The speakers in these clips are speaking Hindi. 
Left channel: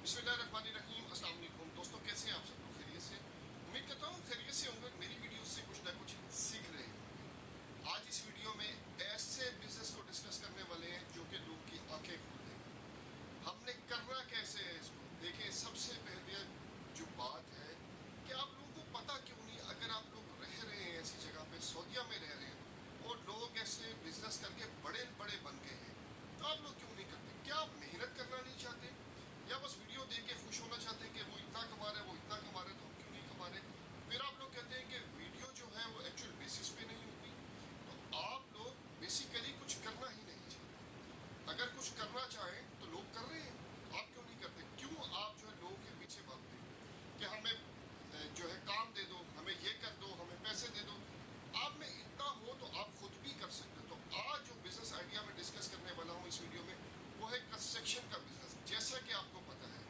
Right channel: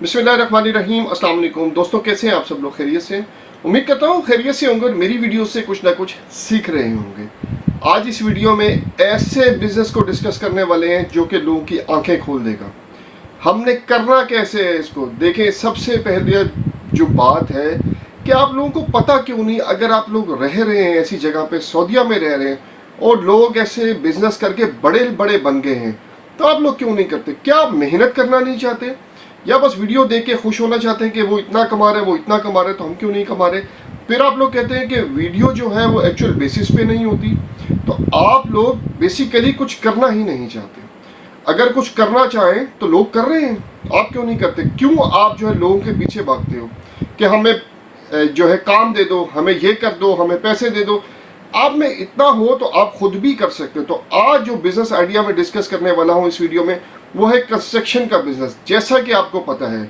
बिस्मिल्लाहिर्रहमानिर्रहीम। अस्सलाम वालेकुम दोस्तों, कैसे हैं आप सब लोग? खैरियत से? उम्मीद करता हूँ खैरियत से होंगे और मेरी वीडियो से कुछ ना कुछ सीख रहे होंगे। आज इस वीडियो में ऐसे बिजनेस को डिस्कस करने वाले हैं जो कि लोगों की आंखें खोल देगा। हमने करना कैसे है इसको देखें। सबसे पहले जो बात है कि आप लोगों को पता क्यों नहीं, अगर आप लोग रह रहे हैं ऐसी जगह पे, सऊदीया में रह रहे हैं और लोग ऐसे बिजनेस करके बड़े बड़े बन गए हैं, तो आप लोग क्यों नहीं करते? क्या आप मेहनत करना नहीं चाहते या बस वीडियो देख के खुश होना चाहते हैं कि वो इतना कमा रहे, वो इतना कमा रहे, तो हम क्यों नहीं कमा रहे? फिर आप लोग कहते हैं कि वीडियो जो है वो एक्चुअल बेसिस पे नहीं होती। तो आप लोग बेसिकली कुछ करना ही नहीं चाहते। अगर कुछ करना चाहें तो लोग कर रहे हैं, आप क्यों नहीं करते? क्यों आप जो है लोगों के पीछे भागते हो कि हमें जो है काम दे दो, हमें ये कर दो, हमें पैसे दे दो? आप में इतना हो तो आप खुद भी कर सकते हो। तो आज जो बिजनेस आइडिया में डिस्कस करने वाला हूँ इस वीडियो में, वो है कंस्ट्रक्शन का बिजनेस। जैसा कि आपको पता है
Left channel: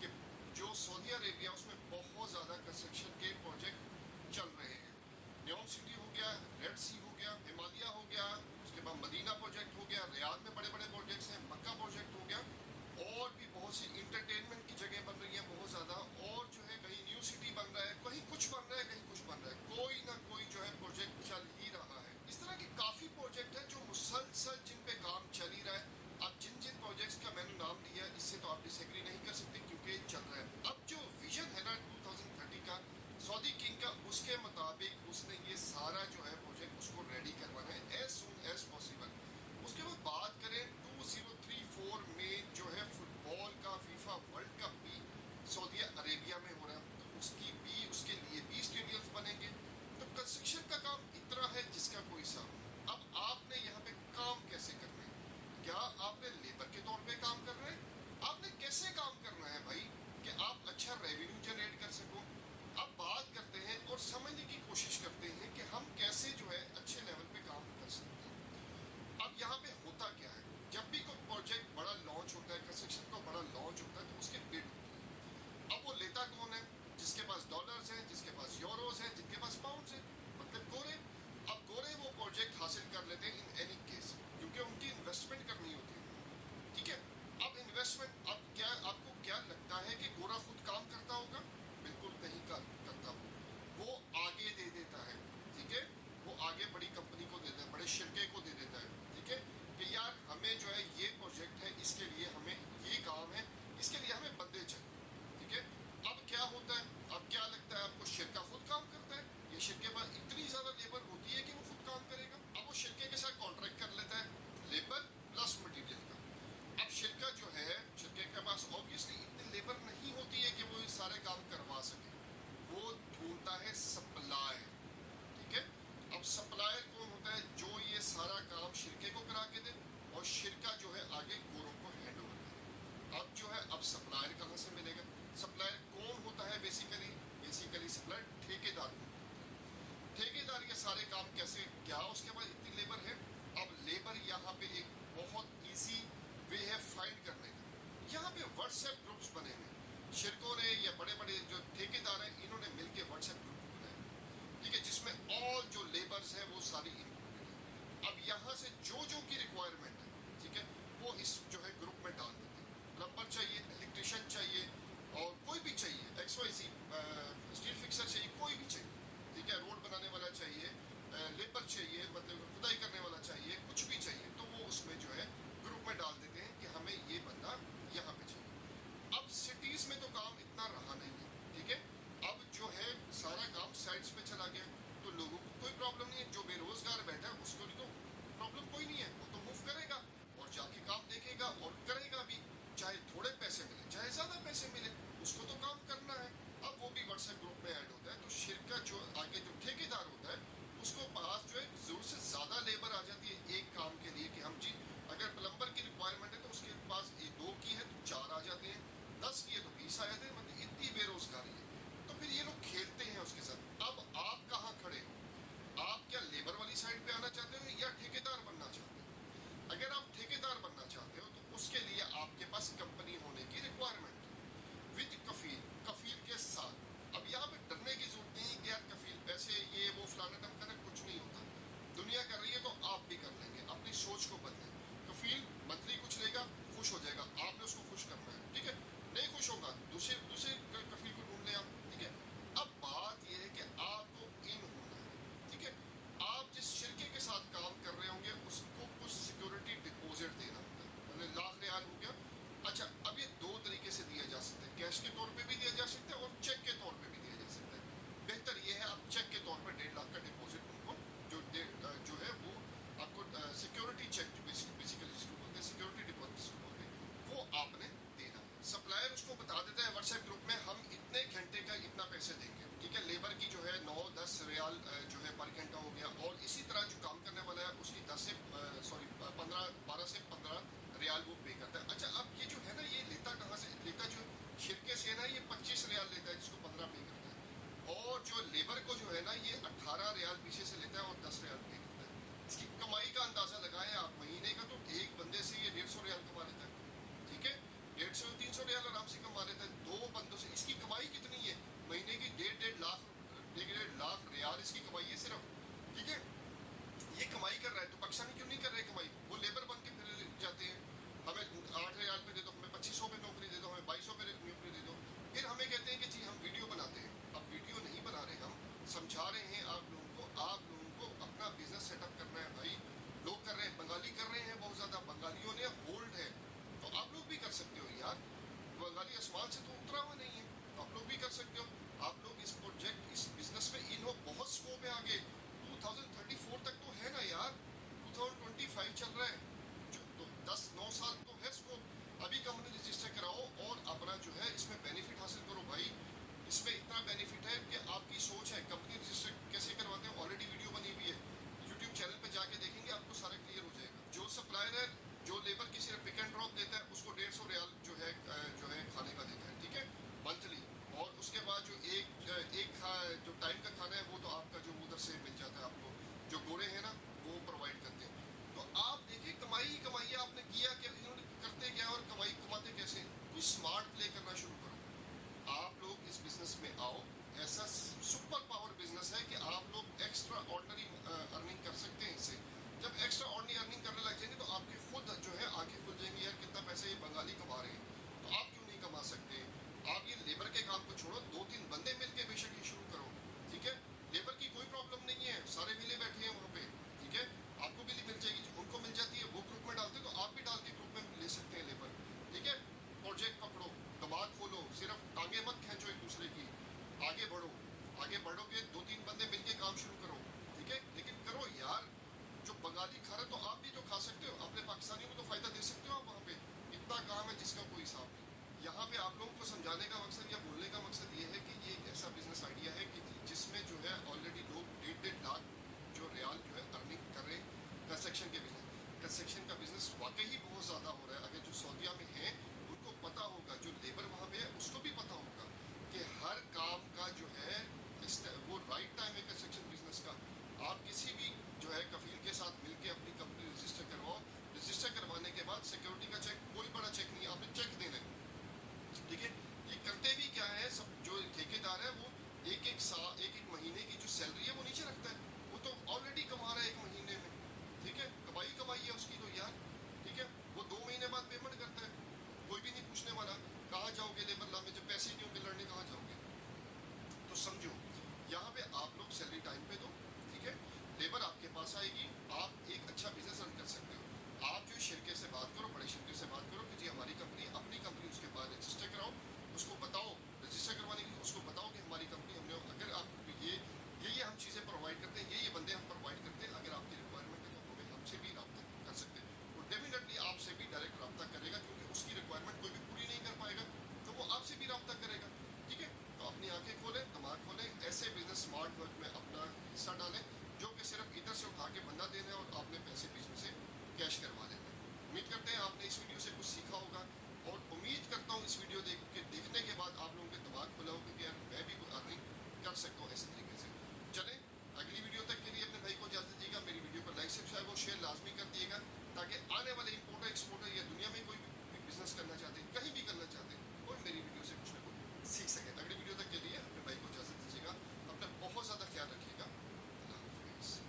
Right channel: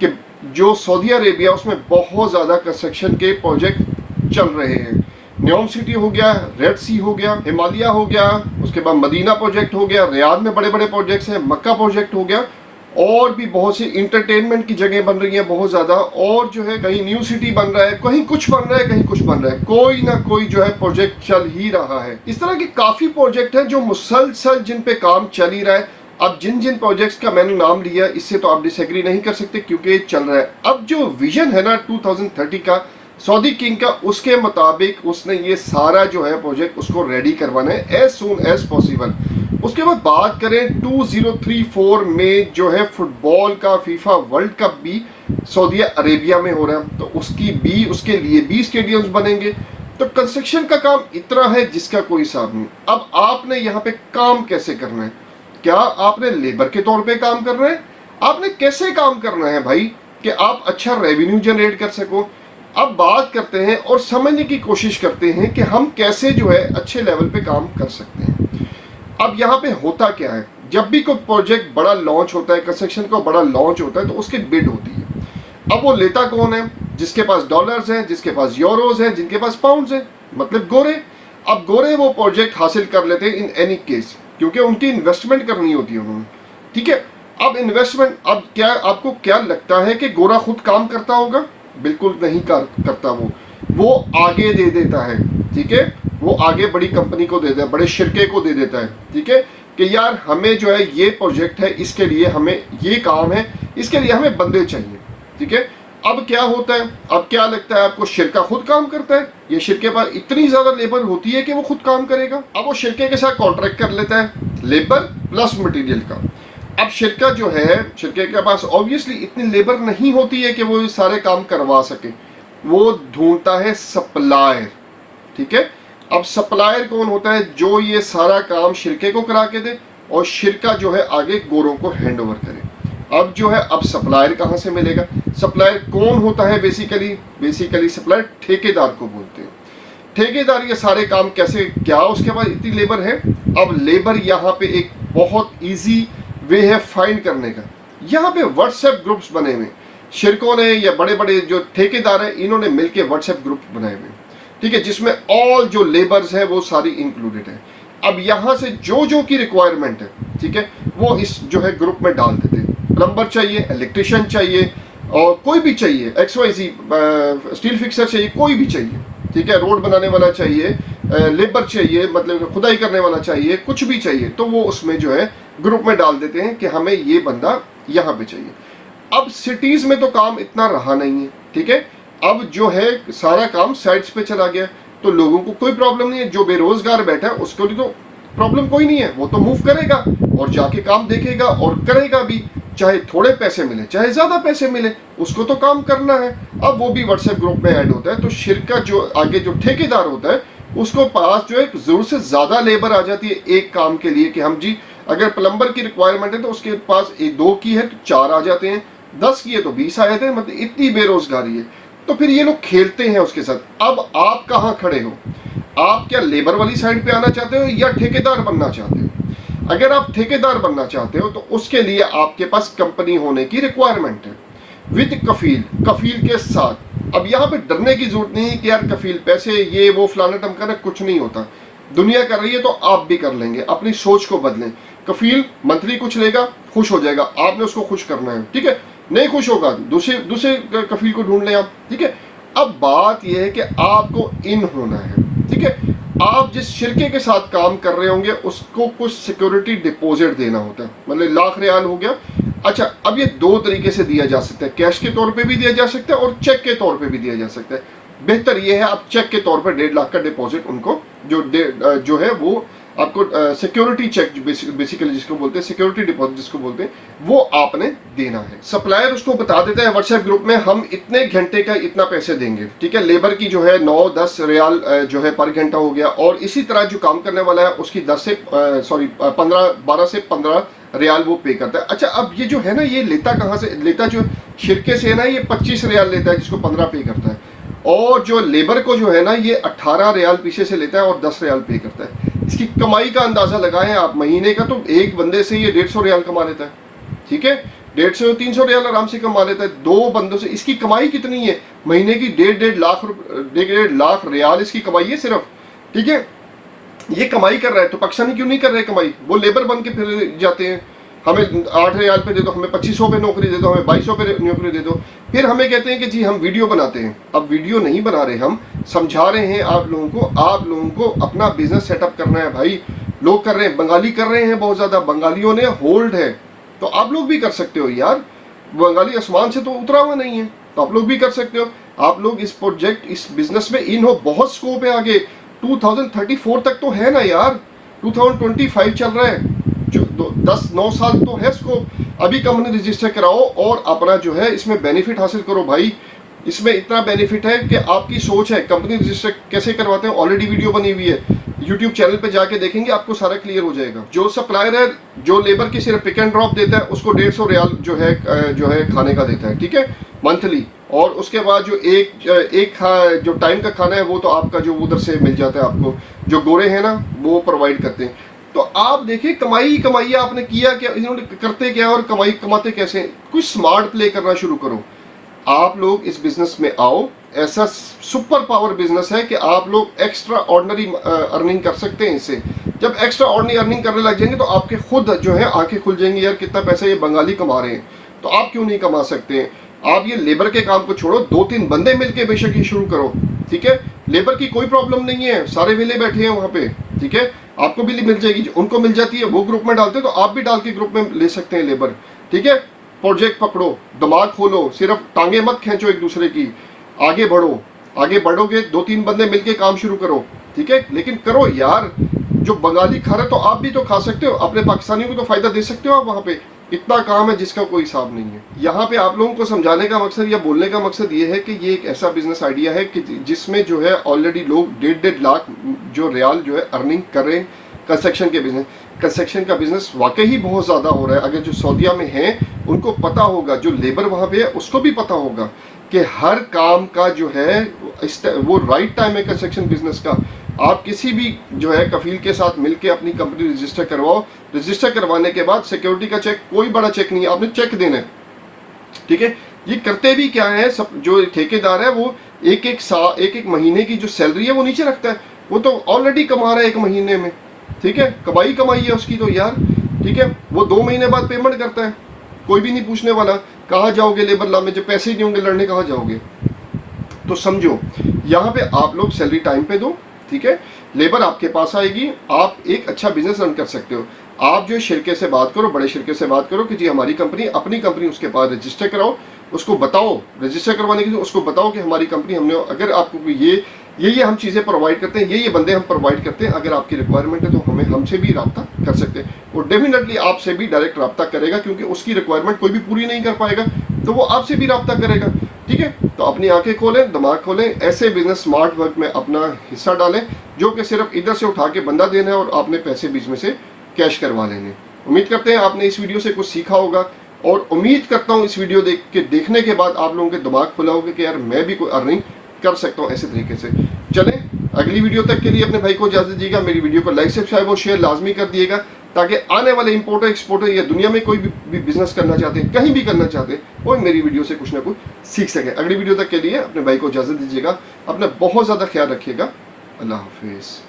कि जो सऊदी अरेबिया, उसमें बहुत ज़्यादा कंस्ट्रक्शन के प्रोजेक्ट चल रहे हैं। न्योम सिटी हो गया, रेड सी हो गया, हिमालय हो गया, उसके बाद मदीना प्रोजेक्ट हो गया, रियाद में बड़े बड़े प्रोजेक्ट्स हैं, मक्का प्रोजेक्ट हो गया, और भी बहुत सी इंटरटेनमेंट की जगह बन रही है बहुत ज़्यादा। और जो है कहीं न्यू सिटी बन रहा है, कहीं कुछ बन रहा है, कहीं कुछ बन रहा है, कोई ना कोई जो है प्रोजेक्ट चल ही रहा है। इस तरह के काफ़ी प्रोजेक्ट हैं जो मुसलसल जिन पे काम चल ही रहा है। अब जिन जिन प्रोजेक्ट्स का मैंने नाम लिया, इससे तो आप डिसएग्री नहीं कर सकते क्योंकि चल रहा है। अब जो विजन है ना 2030 का सऊदी किंग का, उसके मुताबिक उसने ये सारा जो है प्रोजेक्ट उसको रेडी करवाना है एज सून एज पॉसिबल। उसके बाद बात करें 2034 में जो है फुटबॉल का फीफा वर्ल्ड कप भी सऊदी अरेबिया में हो रहा है, तो उसके लिए भी स्टेडियम्स बनेंगे। तो कंस्ट्रक्शन का काम इतना है जिसका कोई हिसाब नहीं। अब आपने यहाँ पे काम कैसे करना है? क्या आपने लेबर के तौर पे काम करना है? आपने कैसे काम करना है भाई कि आप अच्छा रेवेन्यू जनरेट कर सको? अब बात करते हैं और समझने की कोशिश करते हैं कि हम कैसे जो है अच्छे लेवल पे काम कर सकते हैं। अब यहाँ पे होता क्या है, जब भी कोई प्रोजेक्ट बड़ा लॉन्च होता है, कंस्ट्रक्शन का बड़ा लॉन्च होता है, तो उसकी बिड होती है। अब वो लेता कौन है? जिसके पास डॉलर्स हैं, जिसके पास यूरोज हैं, जिनके पास पाउंड्स हैं, मतलब गोरे। अब गोरे वो प्रोजेक्ट हासिल कर लेते हैं इन एनी केस, क्योंकि उनकी इन्वेस्टमेंट करनी होती है उन्होंने। ठीक है, अब इन्वेस्टमेंट, अब क्या आपको क्या लगता है कि गोरा खुद काम करता होगा? बिल्कुल नहीं करता। वो आगे दे देता है। ठीक है, वो आगे बड़ी कंपनी को दे देता है, बड़े शिरके को दे देता है। ठीक है, कि यार हमें जो है ये प्रोजेक्ट है, इसके लिए हमें ये काम है, इसके लिए हमें बंदे चाहिए। ठीक है, अब क्या होता है, अब क्या लगता है आपको? शिरका खुद काम करता है? ये शिरके पास इतनी ज्यादा लेबर होती है कि वो खुद काम करेगा? अब वो शिरके के साथ कॉन्ट्रैक्ट कर लेता है, लेबर प्लस मटेरियल का। अब शिरका जो है, शिरके के पास ऑब्वियसली इतनी लेबर नहीं होती है कि वो सारे काम करवा सके। वो ढूंढता है सप्लायर। ठीक है, अब सप्लायर कौन होता है? जो ये सारा काम शिरके को करा के दे और शिरका जो है आगे गोरों को हैंड ओवर करे। अब जो है, अब सप्लायर कहाँ से मिलेगा? सप्लायर कौन होता है? बेसिकली सप्लायर ठेकेदार को बोलते हैं। ठेकेदार ये सारे काम कैसे, क्या उसके पास इतनी लेबर है? अब लेबर यहाँ पे एक बहुत इजी वे है फाइंड करने का। यहाँ पे व्हाट्सएप ग्रुप्स बने हुए, शिरकों ने या बड़े बड़े जो ठेकेदार हैं इन्होंने मिलके व्हाट्सएप ग्रुप बनाए हुए। ठीक है, जिसमें ऑल जो लेबर्स है वो सारी इंक्लूडेड है। अब यहाँ से जो की रिक्वायरमेंट है, ठीक है, वो इस जो है ग्रुप में डाल देते हैं। प्लम्बर चाहिए, इलेक्ट्रिशियन चाहिए, और कोई भी चाहिए, XYZ स्टील फिक्सर चाहिए, कोई भी चाहिए। ठीक है, रोड बनाने वाला चाहिए, लेबर चाहिए, मतलब खुदाई करने वाला चाहिए, कुछ भी चाहिए, तो वो उसमें जो है ग्रुप में डाल देते हैं कि हमें ये बंदा यहाँ पे चाहिए। अब सिटीज में तो काम इतना रहा नहीं है। ठीक है, अब जो है सारा काम साइट्स पे चला गया, तो लोगों को कोई प्रॉब्लम नहीं है। जो बेरोजगार बैठा है उसको भी तो प्रॉब्लम कोई नहीं है, वो तो मूव करेगा और जाके काम देखेगा और करेगा भी, चाहे थोड़े पैसे मिले चाहे ज्यादा पैसे मिले, उसको तो काम करना है। अब वो भी व्हाट्सएप ग्रुप में ऐड होता है, तो शिरका जो आगे जो ठेकेदार होता है उसको पास जो है जरूर से ज्यादा लेबर आ जाती है एक काम के लिए, कि हम जी अगर प्लम्बर की रिक्वायरमेंट है तो उसके पास 2 की है तो 4 आ जाते हैं, 10 की है तो 20 आ जाते हैं, मतलब इतनी बेरोजगारी है। तो फिर ये लोग खेलते हैं उसके साथ। अब आप कहाँ खड़े हो? आप क्या लेबर वाली साइड पे आना चाहते हो या ठेकेदार बनना चाहते हो? अगर आप ठेकेदार बनना चाहते हो तो उसके लिए आपके पास कंपनी होने की रिक्वायरमेंट है, विद कफील के साथ। अब यहाँ पे डरने की जरूरत नहीं है कि यार कफील पैसे ये वो फलाना टमकाना, कुछ नहीं होता। दुनिया कर रही है तो आप भी कर लेंगे। अपनी सोच को बदलें। कफील मंथली कुछ लेगा, खुश हो जाएगा, आपने उसको खुश करना है। ठीक है, नहीं खुश होगा, दूसरे दूसरे कफील को ढूंढ लें आप, ठीक है। अब बात यह है कि आपको इन होना है, ठीक है। आप जिस शिरके के साथ काम कर रहे होंगे उसको कुछ सिक्योरिटी डिपॉजिट देना होता है, मतलब लाख रियाल हो गया। अच्छा, अब ये दो तरीके से दिया जा सकता है, कैश के तौर पे भी दिया जा सकता है और चेक के तौर पे भी दिया जा सकता है। बेहतर ये है आप चेक के तौर पर 1.5 लाख का डिपॉजिट उनको जो है वो आपको सिक्योरिटी चेक बेसिकली जिसको बोलते हैं, सिक्योरिटी डिपॉजिट जिसको बोलते हैं, वो आपने देना है। सप्लायर उसको बता देता है व्हाट्सएप ग्रुप में, हम इतने घंटे का इतना पैसे देंगे, ठीक है। लेबर की जो है 9-10 रियाल जो है पर घंटा हो गया, और इसी तरह जो काम करने वाला है उसकी 12 से 15 रियाल वो पे करता है। अच्छा, अब ये जो है ना, ये लेता कहाँ से, लेता जो शिरके से है ना, ये 25 रियाल लेता है जिसको 15 पे करता है, और जो लेबर को जो है ना ये 18 रियाल पीछे से लेता है और 10 रियाल पे करता है। इसकी कमाई का अंदाजा लगाएं आप महीने का, तो एक बंदे से ये 150 रियाल कमा लेता है, ठीक है। 150-300 रियाल आराम से कमा लेता है। दो बंदों से इसकी कमाई कितनी है महीने की, 1.5 लाख रियाल इसकी कमाई है सिर्फ, ठीक है। ये कमाई कर रहा है तो पाकिस्तानी क्यों नहीं कर रहे कमाई, वो लेबर बन के फिर जाते हैं, हमें 8 रियाल पे दे दो, हमें 2500 पे नौकरी दे दो, हमें 2200 पे नौकरी दे दो। फिर हमें कहते हैं कि जी हम वीडियो बनाते हैं। अब वीडियो नहीं बना रहे, हम समझा रहे हैं आप लोगों को अपना बिजनेस सेटअप करना है भाई। लोग कर रहे हैं, बंगाली कर रहे हैं बहुत ज़्यादा, बंगालियों ने होल्ड है, तो आप लोग भी कर सकते हो यार। बंगाली आसमान से तो उतरा हुआ नहीं है, तो आप लोग भी कर सकते हो। आप लोग इस प्रोजेक्ट, इस बिजनेस में इन हो, बहुत स्कोप है आगे। 2034 तक तो है ना यार, 2025 चल रहा है, जो 10-9 साल तो है स्कोप। अभी कंपनी रजिस्टर कराओ और अपना जो है इसमें बेनिफिट हासिल करो भाई। इसमें इतना बेनिफिट है कि आपकी सोच है। कंपनी रजिस्टर कैसे करवाते हैं, ऑलरेडी वीडियो बनी हुई है, यूट्यूब चैनल पे जाके देखेंगे, आपको सारा क्लियर हो जाएगा। जो सप्लायर है, जो लेबर की सिर्फ पिक एंड ड्रॉप देता है, उसको 150 रियाल जो है खाने का देता है, ठीक है, मंथली। और उसके बाद जो जो टाइम का खाना है वो तो आपका जो उधर से मिल जाता है आपको, जो गोरे हैं ना वो प्रोवाइड करते हैं। तो आप देखिए, कमाई आपने किया क्या, इन्होंने करते क्या और कमाते कैसे। कुछ स्मार्ट प्ले करना शुरू करो। आप लोग इस बिजनेस में आओ, ऐसा सुपर पावर बिजनेस है कि आप लोग एक्स्ट्रा ऑर्डिनरी अर्निंग कर सकते हैं इससे। जब एक्स्ट्रा ऑर्डिनरी अर्निंग करने लग जाएंगे तो आपके खुद जो है आंखें खुल जाएंगी, यार कितना पैसा ये बंगाली कमा रहे हैं, तो आप क्यों नहीं कमा सकते हैं। आप ये लेबर के काम को छोड़ो, 2-3 बंदे मिलके बेशक ही शुरू करो, ठीक है। लेबर की कोई प्रॉब्लम नहीं है, सारे वेले बैठे हैं वहाँ पे, ठीक है। आपको भी मिल जाएगी, उनको मिल जाती है, वो ग्रुप में डालते हैं तो आप भी डाल के ग्रुप में ले सकते हैं लेबर, ठीक है। प्रोजेक्ट पकड़ो, दिमाग खोलो, सिर्फ टांगे मत खींचो एक दूसरे की, आगे बढ़ो। आगे बढ़ोगे 2-3 बंदे मिलके काम शुरू करो, ठीक है। लेकिन करो यार, जो बंगाली खा रहे तो आप भी तो खा सकते हो, अपने पाकिस्तानियों को तो फायदा दे सकते हो आप। वहाँ पे इतना काम है जिसका कोई हिसाब नहीं है। यहाँ पे आप लोगों को समझाने का मकसद या बोलने का मकसद ये है कि ये एक ऐसा बिजनेस आइडिया है कि जिसमें जो है ऑलरेडी लोग 1.5 लाख जो रियाल जो है अर्निंग कर रहे हैं कंस्ट्रक्शन का बिजनेस वाकई ही बहुत ज़्यादा हो रहा है। अगर जो सऊदीया में हैं उनको पता होगा, जो लेबर वहाँ पे है उसको भी पता होगा कि हर काम का जो है वो राइट टाइम है कंस्ट्रक्शन बिजनेस का। आप किसी भी जो है कफील के साथ मिलके अपनी कंपनी रजिस्टर करवाओ। रजिस्टर करवाने के बाद सिक्योरिटी का चेक, कोई बड़ा चेक नहीं है, आपने चेक देना है, ठीक है। ये करते भी क्या है, सब जो ठेकेदार है वो एक महीने की जो सैलरी है वो नीचे रखता है। वो तो ऑलरेडी कमा रहा है 1 महीने में, ठीक है, कमाई है उसकी तो यार, ठीक है। वो 2 महीने बाद पेमेंट करता है, कोई भी नहीं पूछने वाला कहाँ जाओगे लेबर ला में, जब पैसे ही नहीं होंगे लड़ने कहाँ जाओगे। तो समझो, यहाँ पे आप लोग सैलरी टाइम पे दो, ठीक है। लेबर आपके पास आएगी, आप एक अच्छा बिजनेस रन कर सकते हो। आप जो शिरके से बात करो, बड़े शिरके से बात करो कि जी हमारी कंपनी, अपनी कंपनी उसके पास रजिस्टर कराओ, उसको बताओ रजिस्टर करवाने के लिए, उसको बताओ कि हमारी कंपनी, हमने अगर आपको ये हम चीज़ें प्रोवाइड करते हैं, ये बंदे हम प्रोवाइड करते हैं, अगर आपकी रिक्वायरमेंट है तो हमसे भी रब्ता कर सकते हैं। वो डेफिनेटली आपसे भी डायरेक्ट रब्ता करेगा, क्योंकि उसकी रिक्वायरमेंट कोई भी पूरी नहीं कर पाएगा तो वो आपसे भी रब्ता करेगा, ठीक है। तो अपनी आंखें खोलें, दिमाग खोलें, ऐसे बिजनेस स्मार्ट वर्क में अपना हिस्सा डालें, जो कि सिर्फ इधर से उठा के बंदा देना है और आपने पैसे बीच में से कैश करवा लेने। उम्मीद करते हैं आपने इस वीडियो से कुछ सीखा होगा, और उम्मीद करता हूँ इस वीडियो देखने के बाद आप लोगों के दिमाग खुला होगा कि यार मैं भी कोई अर्निंग कर सकता हूँ ऐसे तरीके से। चलें, अगली वीडियो तक के लिए अपने भाई को इजाज़त दीजिएगा। मेरी वीडियो को लाइक, सब्सक्राइब और शेयर लाजमी कर दिएगा, ताकि आने वाले इंपोर्टर एक्सपोर्टर या दुनिया में कोई भी बिजनेस करना चाहते हैं, कहीं भी करना चाहते हैं, वो मेरी वीडियो से कुछ ना कुछ सीख सकें। अगली वीडियो तक के लिए अपने भाई को इजाज़त दीजिएगा। अपना बहुत ज़्यादा ख्याल रखिएगा। अल्लाह हाफिज़।